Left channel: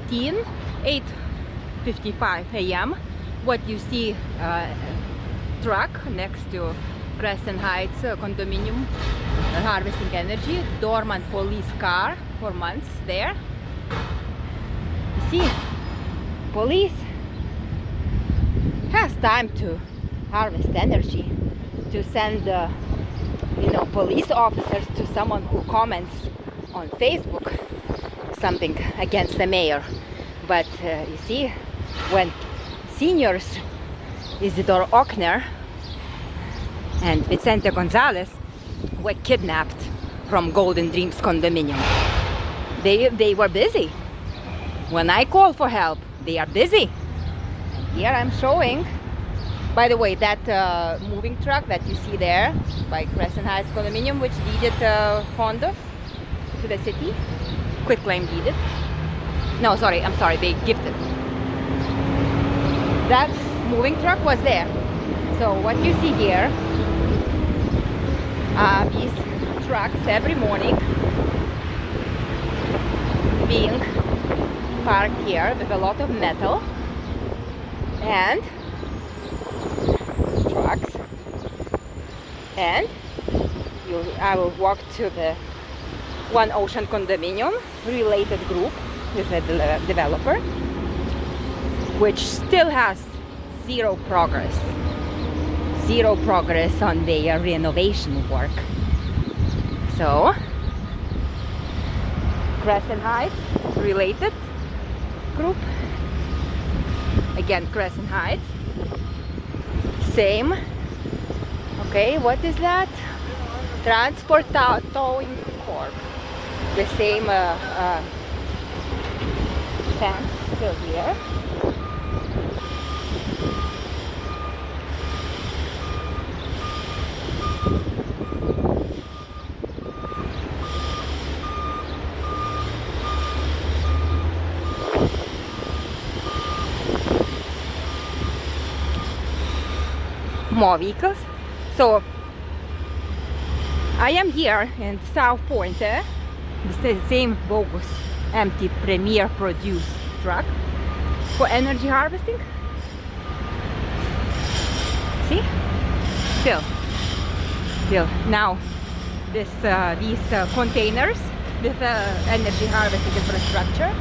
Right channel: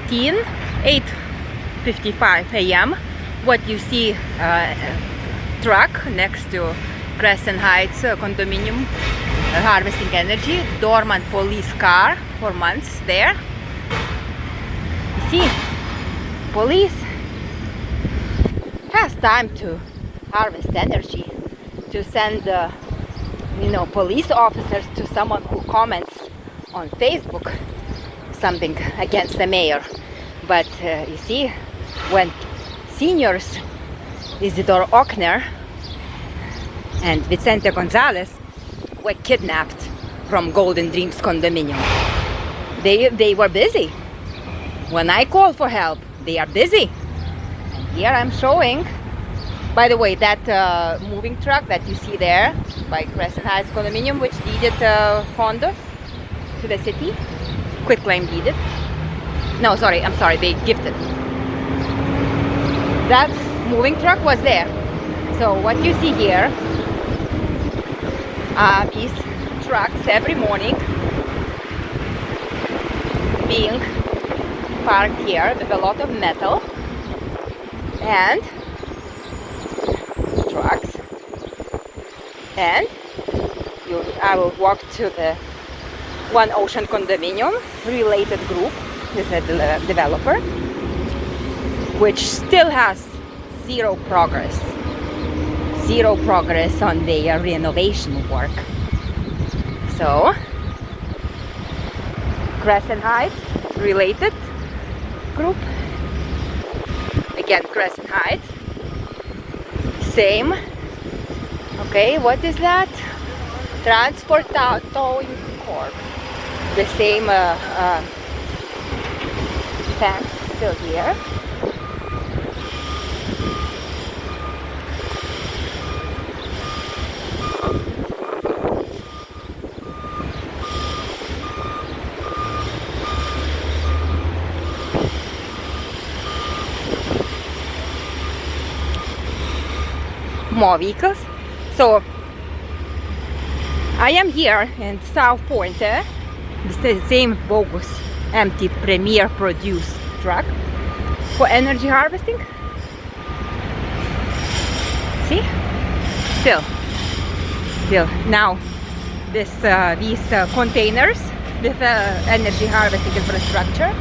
2018, 8:55 a.m. What you see truck next to Crescent Heights condominium harvesting energy, dormant police car for months there. You see, police has time to harvest energy, to send police officers to someone who comments on Facebook something against the mayor. But you see, when seniors Isidore Ochner and Vicente Gonzalez were kidnapped from Golden Dreams condominium, they were busy. When I call for help, they are busy. And here I'm showing, by the way, that moving truck that you see there by Crescent Heights condominium, which deeded condos to the city, quitclaim deeded. No, sorry, I'm sorry, they gifted. That moving truck was there. So what you see here are these trucks every morning being parked here with a lot of metal and trucks, and I will walk to the One Ocean condominium related group with a developer, which still has zero progress on their renovation work. So Crescent Heights related group, again Crescent Heights, same. Okay, what is that? Transport Towing Corp. The same fence still here. More vehicles. So I am here in South Point. This is the same bogus empty Premier produced truck for energy harvesting. See? Still now these containers with energy harvesting infrastructure.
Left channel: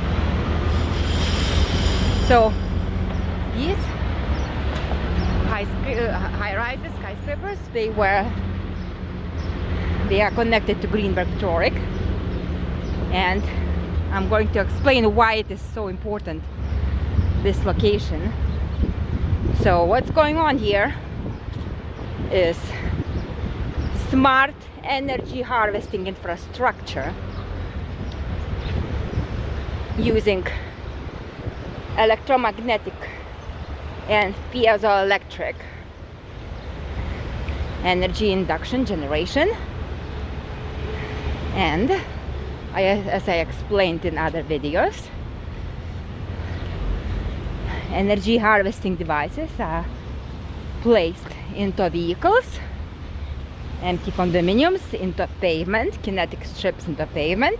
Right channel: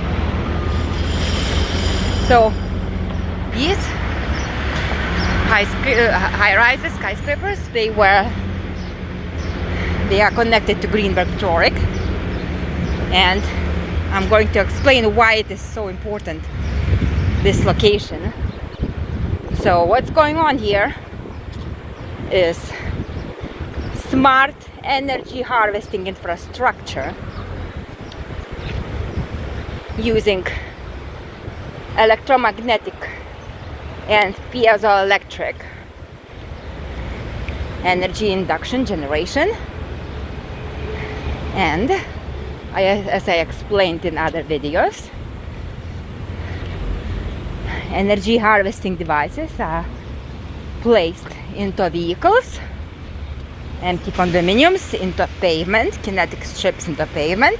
So these high-rises, skyscrapers, they are connected to Greenberg Toric, and I'm going to explain why it is so important, this location. So what's going on here is smart energy harvesting infrastructure using electromagnetic and piezoelectric energy induction generation, and as I explained in other videos, energy harvesting devices are placed into vehicles, empty condominiums, into pavement, kinetic strips into pavement.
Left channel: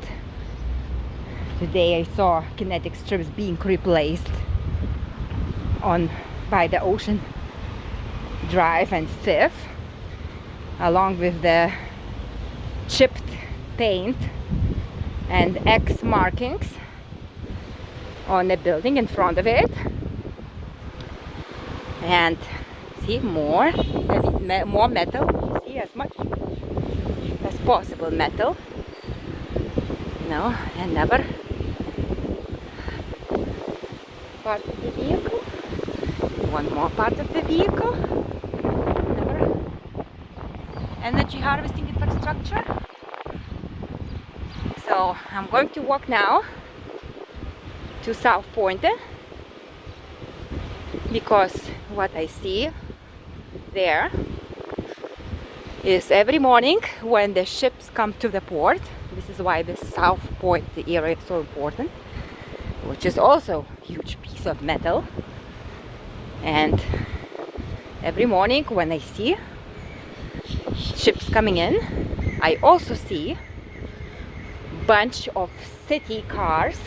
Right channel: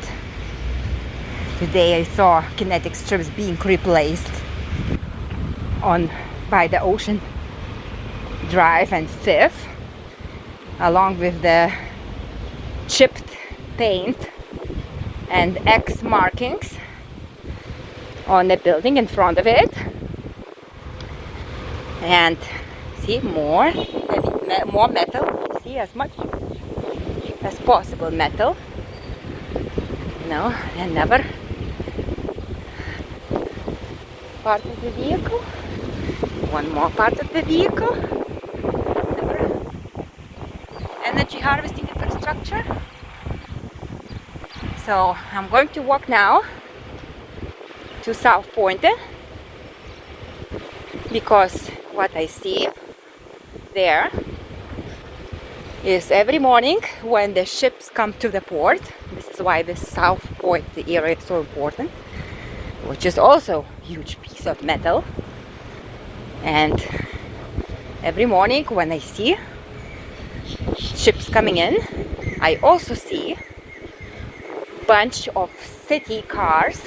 Today I saw kinetic strips being replaced by the Ocean Drive and 5th, along with the chipped paint and X markings on the building in front of it. And see, more metal. See, as much as possible metal, another part of the vehicle, one more part of the vehicle, another energy harvesting infrastructure. So I'm going to walk now to South Point, because what I see there is every morning when the ships come to the port. This is why the South Point area is so important, which is also a huge piece of metal. And every morning when I see ships coming in, I also see bunch of city cars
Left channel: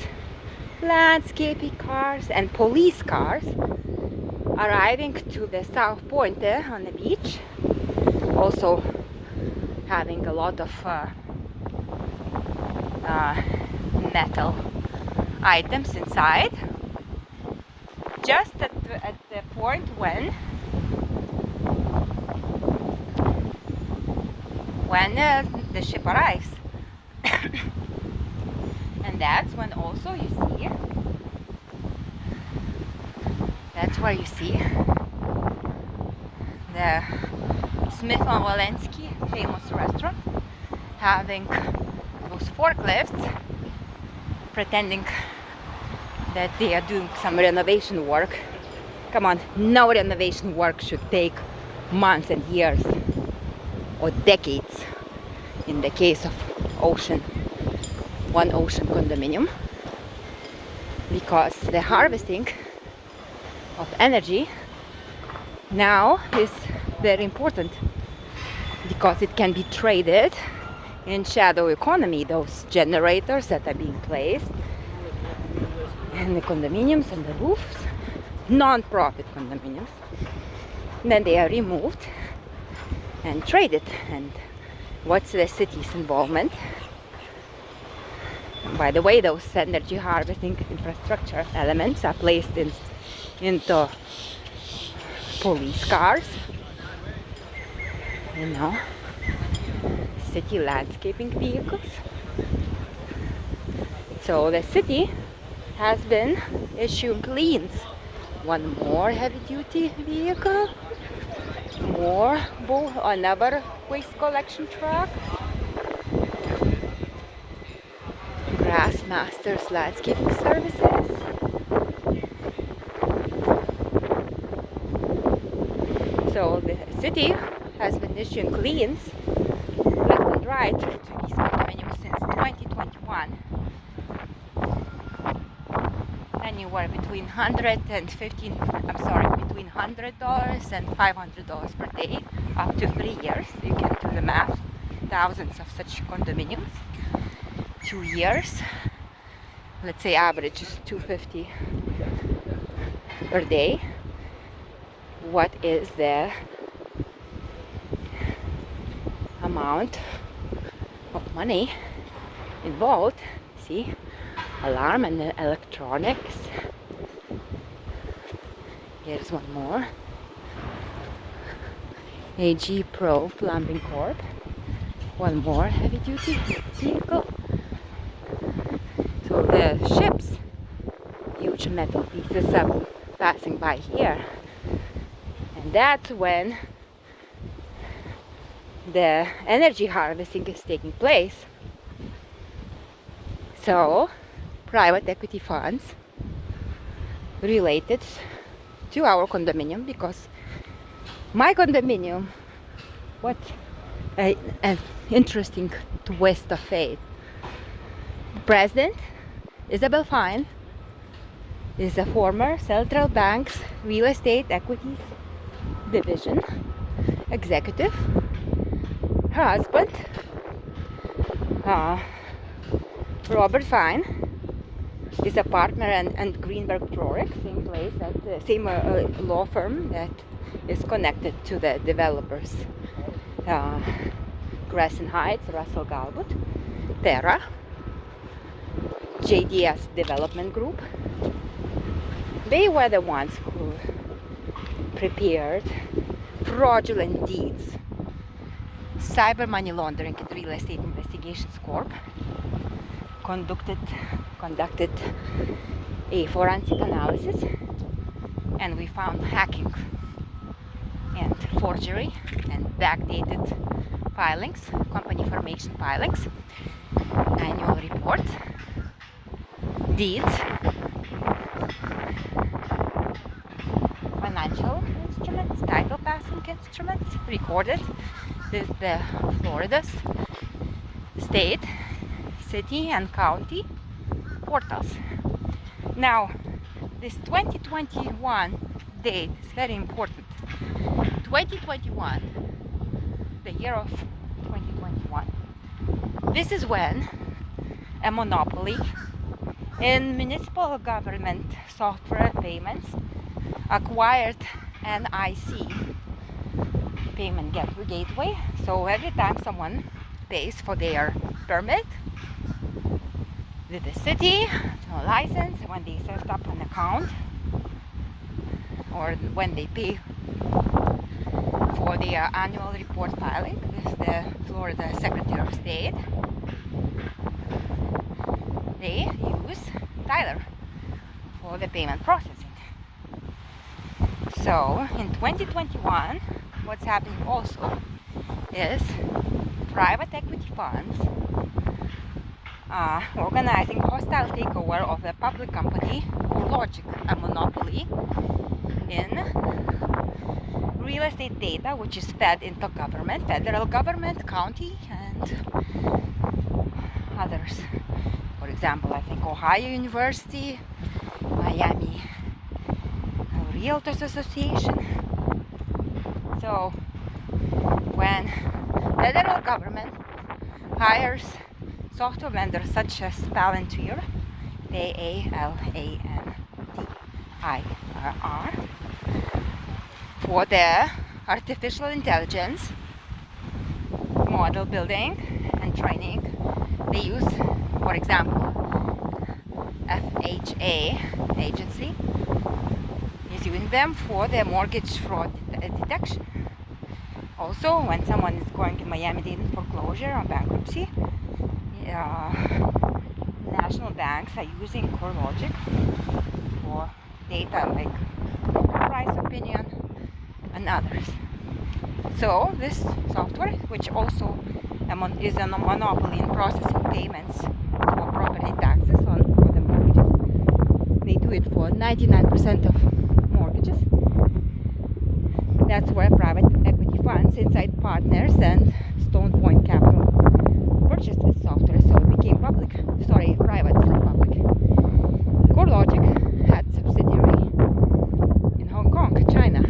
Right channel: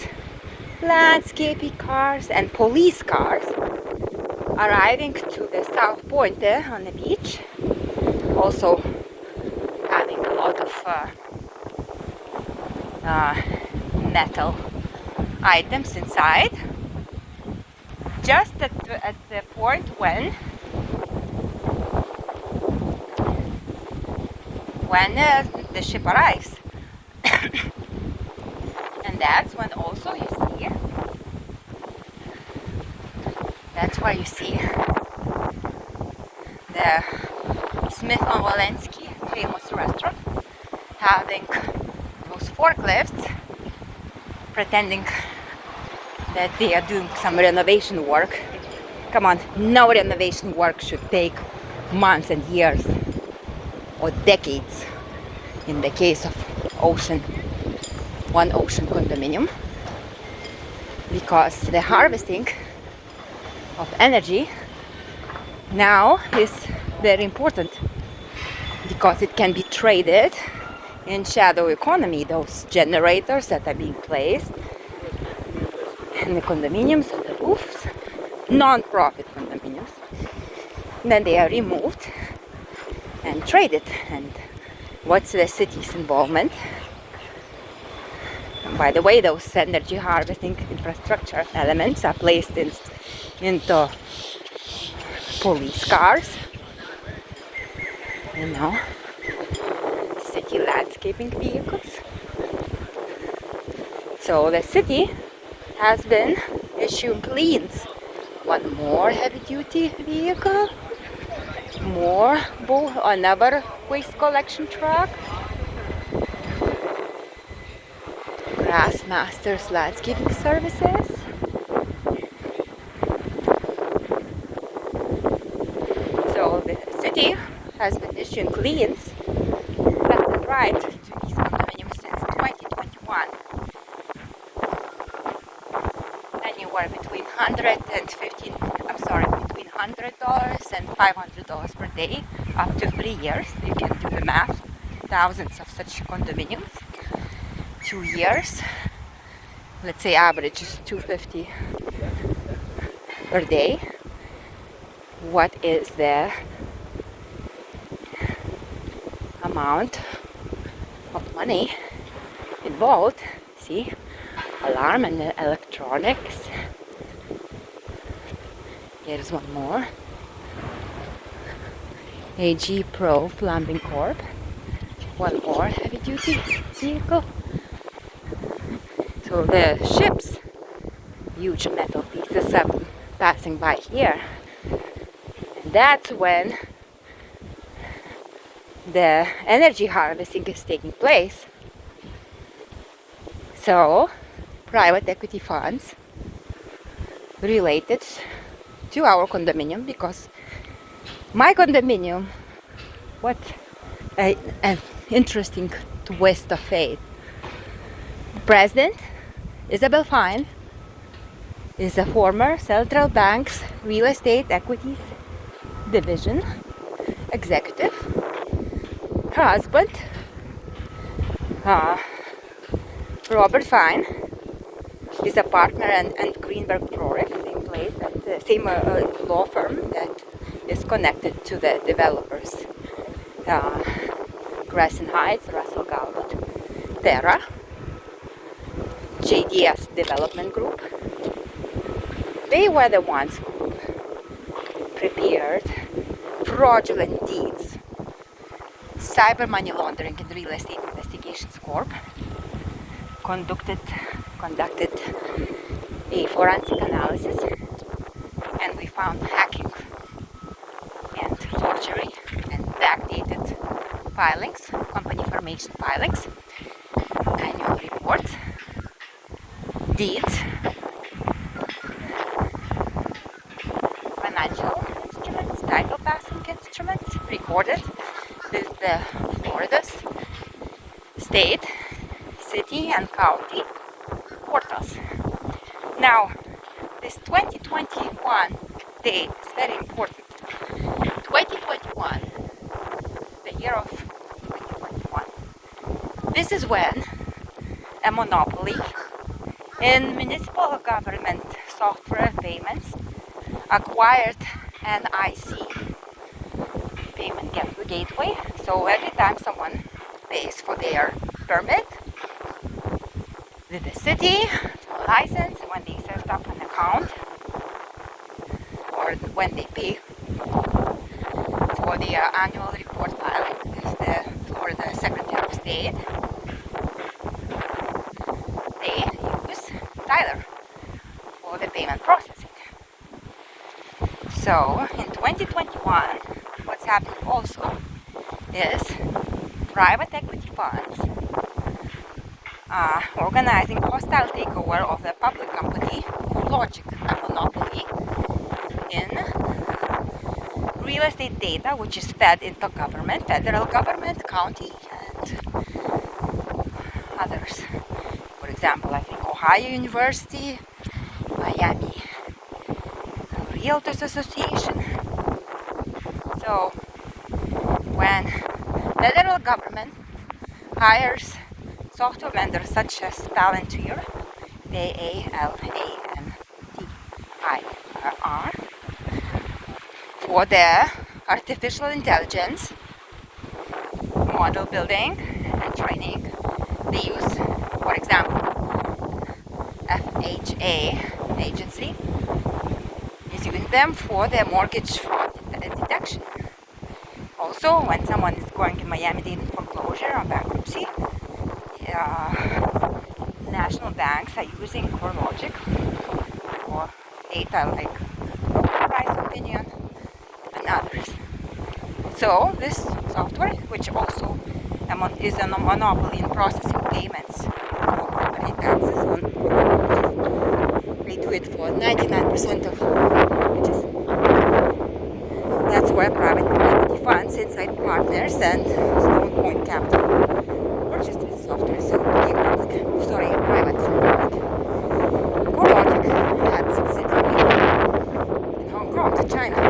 landscaping cars and police cars arriving to the south point there on the beach. Also having a lot of metal items inside. Just at the point when the ship arrives. And that's when also you see, that's where you see the Smith on Walensky famous restaurant having those forklifts pretending that they are doing some renovation work. Come on, no renovation work should take months and years or decades in the case of one ocean condominium, because the harvesting of energy now is very important, because it can be traded in shadow economy, those generators that are being placed in the condominiums on the roofs, non-profit condominiums, then they are removed and traded. And what's the city's involvement? By the way, those energy harvesting infrastructure elements are placed into police cars, city landscaping vehicles. So the city has been issuing liens. One more heavy-duty vehicle, another waste collection truck. Grassmasters Landscaping Services. So the city has been issuing liens left and right to these condominiums since 2021. Anywhere between $100 and $500 per day, up to 3 years. You can do the math. Thousands of such condominiums. 2 years, let's say average is $250 per day. What is the amount of money involved? See, alarm and electronics. Here's one more. AG Pro Plumbing Corp. One more heavy duty vehicle. So the ships, huge metal pieces are passing by here. And that's when the energy harvesting is taking place. So private equity funds related to our condominium, because my condominium, what an interesting twist of fate. The president, Isabel Fine, is a former Central Bank's Real Estate Equities Division executive. Her husband, Robert Fine, is a partner and Greenberg Prorex, same place, same law firm that is connected to the developers, Crescent Heights, Russell Galwood, Terra, JDS Development Group. They were the ones who prepared fraudulent deeds, cyber money laundering and real estate investigations corp, conducted a forensic analysis, and we found hacking and forgery and backdated filings, company formation filings, annual reports, deeds, financial instruments, title passing instruments recorded with the Florida's state, city and county portals. Now, this 2021 date is very important. 2021, the year of 2021. This is when a monopoly In municipal government software payments, acquired NIC, payment gateway. So every time someone pays for their permit with the city, a license, when they set up an account, or when they pay for their annual report filing with the Florida Secretary of State, they use Tyler for the payment processing. So in 2021, what's happening also is private equity funds are organizing hostile takeover of the public company Corelogic, a monopoly in real estate data, which is fed into government, federal government, county, and others. For example, I think Ohio University, Miami Realtors Association. So when federal government hires software vendors such as Palantir, Palantir, for their artificial intelligence model building and training, they use, for example, FHA agency is using them for their mortgage fraud detection. Also, when someone is going to Miami-Dade foreclosure or bankruptcy, national banks are using Corelogic for data like price opinion and others. So this software, which also is a monopoly in processing payments for property taxes on mortgages, they do it for 99% of mortgages. That's where private equity funds, inside partners, and Stone Point Capital purchased this software, so it became private. Corelogic had subsidiary in Hong Kong, China.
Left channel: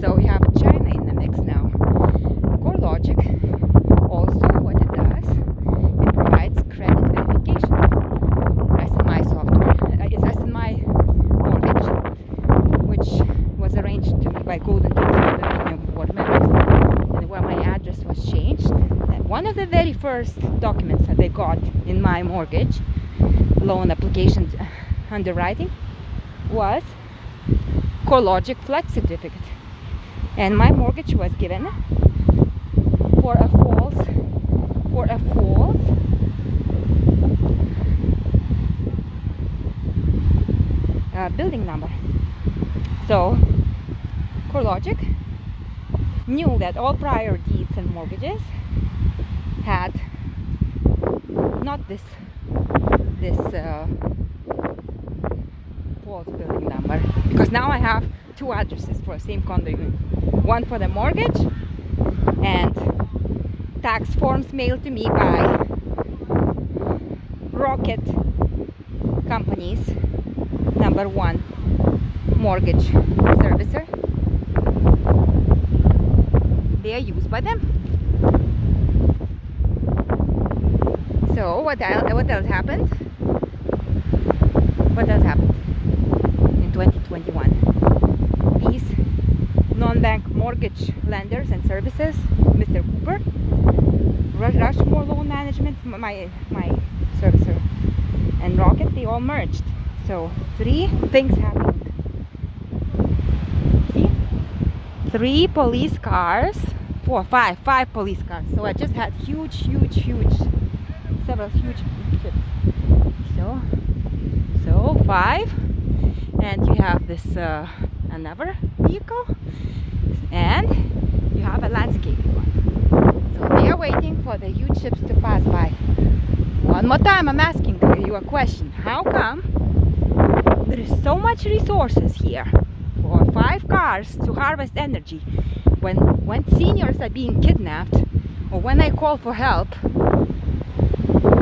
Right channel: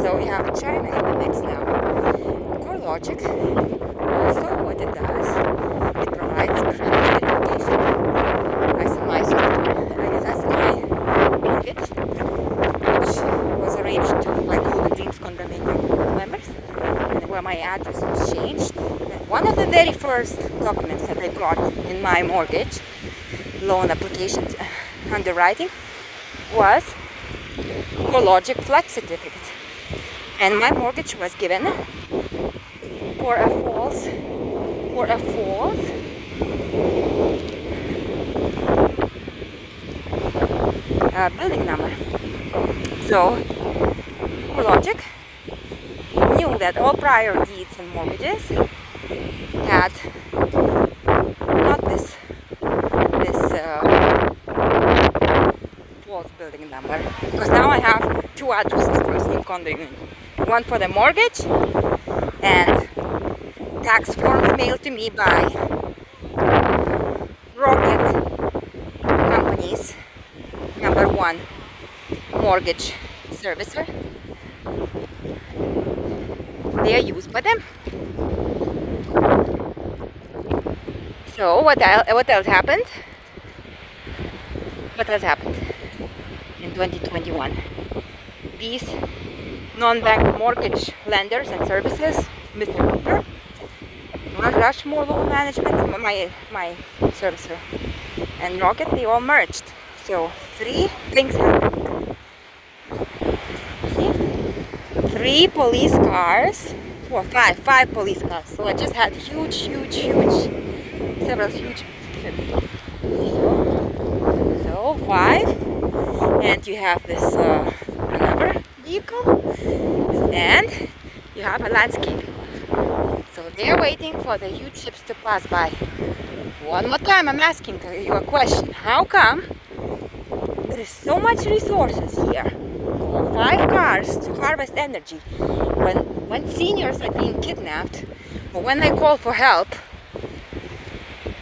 So we have China in the mix now. Corelogic also, what it does, it provides credit verification. SMI software, SMI mortgage, which was arranged by Golden Teams for the board members, and where my address was changed. And one of the very first documents that I got in my mortgage loan application underwriting was Corelogic Flex Certificate. And my mortgage was given for a false building number. So Corelogic knew that all prior deeds and mortgages had not this false building number, because now I have two addresses for the same condo unit. One for the mortgage and tax forms mailed to me by Rocket Companies, #1 mortgage servicer. They are used by them. So what else happened? What else happened in 2021? These non-bank mortgage lenders and services, Mr. Cooper, Rushmore Loan Management, my servicer, and Rocket, they all merged. So 3 things happened. See? 3 police cars, 4, 5 police cars. So I just had several huge trips. So 5, and you have this another vehicle, and you have a landscaping one. So they're waiting for the huge ships to pass by. One more time, I'm asking you a question. How come there is so much resources here for 5 cars to harvest energy when seniors are being kidnapped, or when I call for help